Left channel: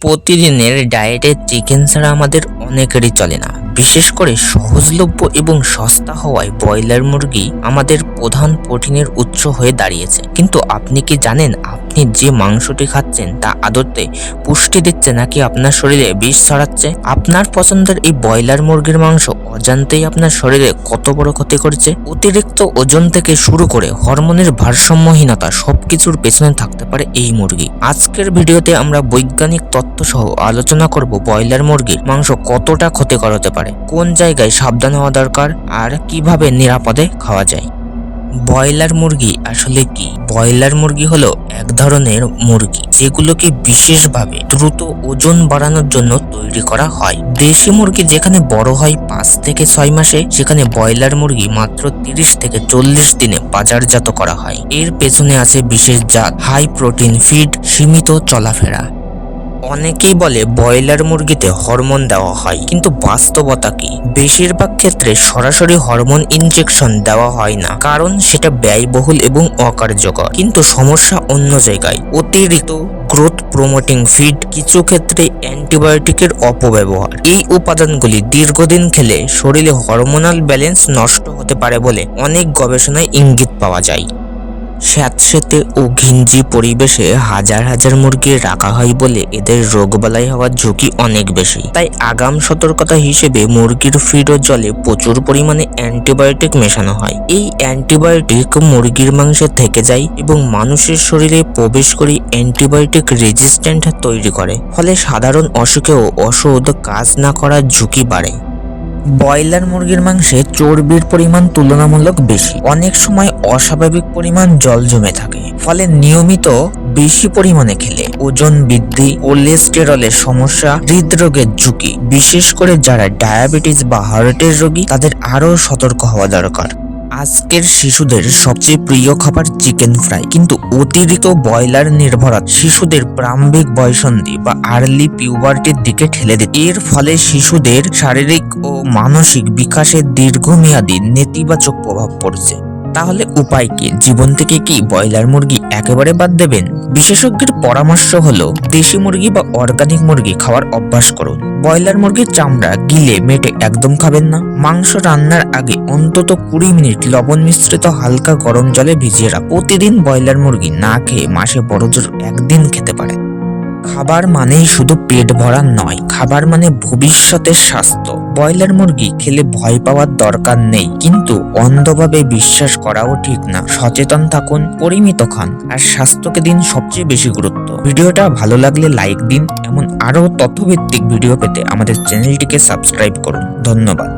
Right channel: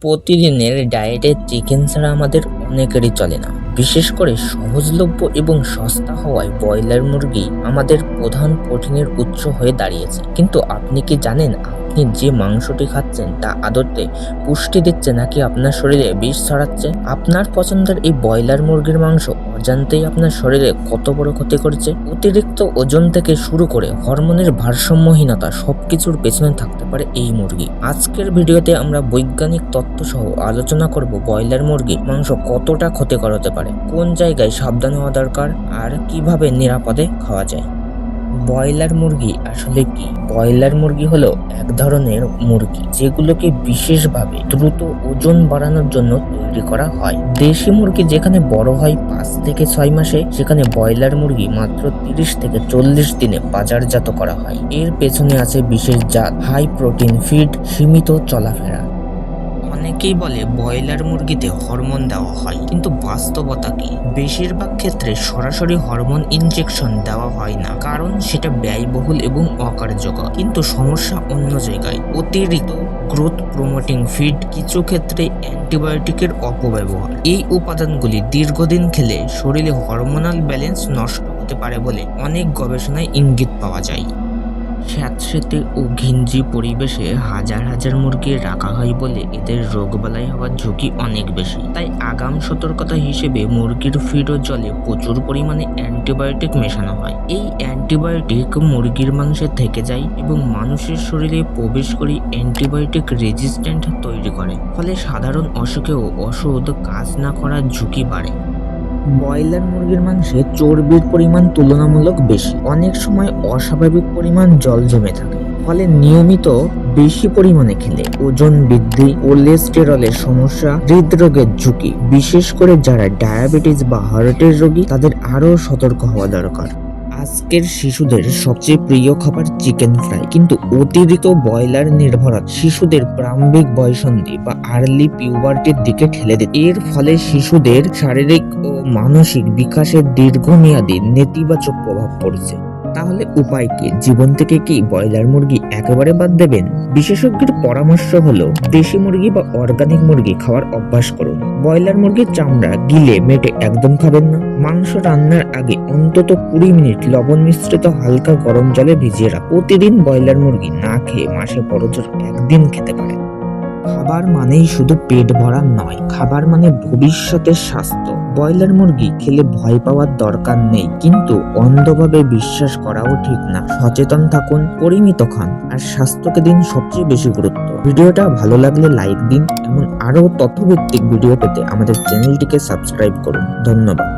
প্রতিদিনের ডায়েটে চিকেন ছাড়া আমাদের অনেকেরই চলে না। বিশেষ করে সহজলভ্য এবং সস্তা হওয়ায় ব্রয়লার মুরগি আমাদের প্রধান প্রোটিনের উৎস হয়ে দাঁড়িয়েছে। কিন্তু আপনি কি জানেন আপনি যে মাংসটি খাচ্ছেন তা আদতে পুষ্টি দিচ্ছে নাকি আপনার শরীরে বিষ ছড়াচ্ছে? আপনার পছন্দের এই ব্রয়লার মুরগির মাংস অজান্তেই আপনার শরীরে কত বড় ক্ষতি করছে। অতিরিক্ত ওজন থেকে শুরু করে হরমোনের ভারসাম্যহীনতা সবকিছুর পেছনে থাকতে পারে এই মুরগি। আজকের ভিডিওতে আমরা বৈজ্ঞানিক তথ্য সহ আলোচনা করব ব্রয়লার মুরগির মাংস কতটা ক্ষতিকর হতে পারে, কোন জায়গায় সাবধান হওয়া দরকার আর কিভাবে নিরাপদে খাওয়া যায়। ব্রয়লার মুরগি আসলে কি? ব্রয়লার মুরগি হলো এক ধরনের মুরগি যেগুলোকে বিশেষভাবে দ্রুত ওজন বাড়ানোর জন্য তৈরি করা হয়। দেশি মুরগি যেখানে বড় হয় 5 থেকে 6 মাসে, সেখানে ব্রয়লার মুরগি মাত্র 30 থেকে 40 দিনে বাজারজাত করা হয়। এর পেছনে আছে বিশেষ জাত, হাই প্রোটিন ফিড, সীমিত চলাফেরা। অনেকেই বলে ব্রয়লার মুরগিতে হরমোন দেওয়া হয়, কিন্তু বাস্তবতা কি? বেশিরভাগ ক্ষেত্রে সরাসরি হরমোন ইনজেকশন দেওয়া হয় না, কারণ সেটা ব্যয়বহুল এবং অকার্যকর। কিন্তু সমস্যা অন্য জায়গায়। অতিরিক্ত গ্রোথ প্রমোটিং ফিড, কিছু ক্ষেত্রে অ্যান্টিবায়োটিকের অপব্যবহার। এই উপাদানগুলি দীর্ঘদিন খেলে শরীরে হরমোনাল ব্যালেন্স নষ্ট হতে পারে বলে অনেক গবেষণায় ইঙ্গিত পাওয়া যায়। স্যাঁতসেঁতে ও ঘিঞ্জি পরিবেশে হাজার হাজার মুরগি রাখা হয় বলে এদের রোগবালাই হওয়ার ঝুঁকি অনেক বেশি। তাই আগাম সতর্কতা হিসেবে মুরগির ফিড ও জলে প্রচুর পরিমাণে অ্যান্টিবায়োটিক মেশানো হয়। এই অ্যান্টিবায়োটিক মুরগির মাংসে থেকে যায় এবং মানুষের শরীরে প্রবেশ করে অ্যান্টিবায়োটিক রেজিস্ট্যান্ট তৈরি করে, ফলে সাধারণ অসুখেও ওষুধ কাজ না করার ঝুঁকি বাড়ে। ব্রয়লার মুরগির মাংসে চর্বির পরিমাণ তুলনামূলক বেশি। অনেক সময় অস্বাভাবিক পরিমাণ জল জমে থাকে, ফলে নিয়মিত বেশি পরিমাণে খেলে ওজন বৃদ্ধি, কোলেস্টেরলের সমস্যা, হৃদরোগের ঝুঁকি, বিশেষ করে যারা ডায়াবেটিস বা হার্টের রোগী তাদের আরও সতর্ক হওয়া দরকার। আজকের শিশুদের সবচেয়ে প্রিয় খাবার চিকেন ফ্রাই, কিন্তু অতিরিক্ত ব্রয়লার নির্ভরতা শিশুদের প্রারম্ভিক বয়সন্ধি বা আর্লি পিউবার্টির দিকে ঠেলে দেয়। এর ফলে শিশুদের শারীরিক ও মানসিক বিকাশে দীর্ঘমেয়াদী নেতিবাচক প্রভাব পড়ছে। তাহলে উপায় কি? জীবন থেকে কি ব্রয়লার মুরগি একেবারে বাদ দেবেন? বিশেষজ্ঞের পরামর্শ হলো দেশি মুরগি বা অর্গানিক মুরগি খাওয়ার অভ্যাস করুন। ব্রয়লার মুরগির চামড়া গিলে মেটে একদম খাবেন না। মাংস রান্নার আগে অন্তত 20 মিনিট লবণ মিশ্রিত হালকা গরম জলে ভিজিয়ে রাখুন। প্রতিদিন ব্রয়লার মুরগি না খেয়ে মাসে বড়জোর একদিন খেতে পারে। খাবার মানেই শুধু পেট ভরা নয়, খাবার মানে ভবিষ্যতের স্বাস্থ্য। ব্রয়লার মুরগি খেলে ভয় পাওয়ার দরকার নেই, কিন্তু অন্ধভাবে বিশ্বাস করাও ঠিক না। সচেতন থাকুন, পরিমিত খান, আর স্বাস্থ্যকে দিন সবচেয়ে বেশি গুরুত্ব। ভিডিওটা ভালো লাগলে লাইক দিন। এমন আরও তথ্যভিত্তিক ভিডিও পেতে আমাদের চ্যানেলটিকে সাবস্ক্রাইব করুন। ধন্যবাদ।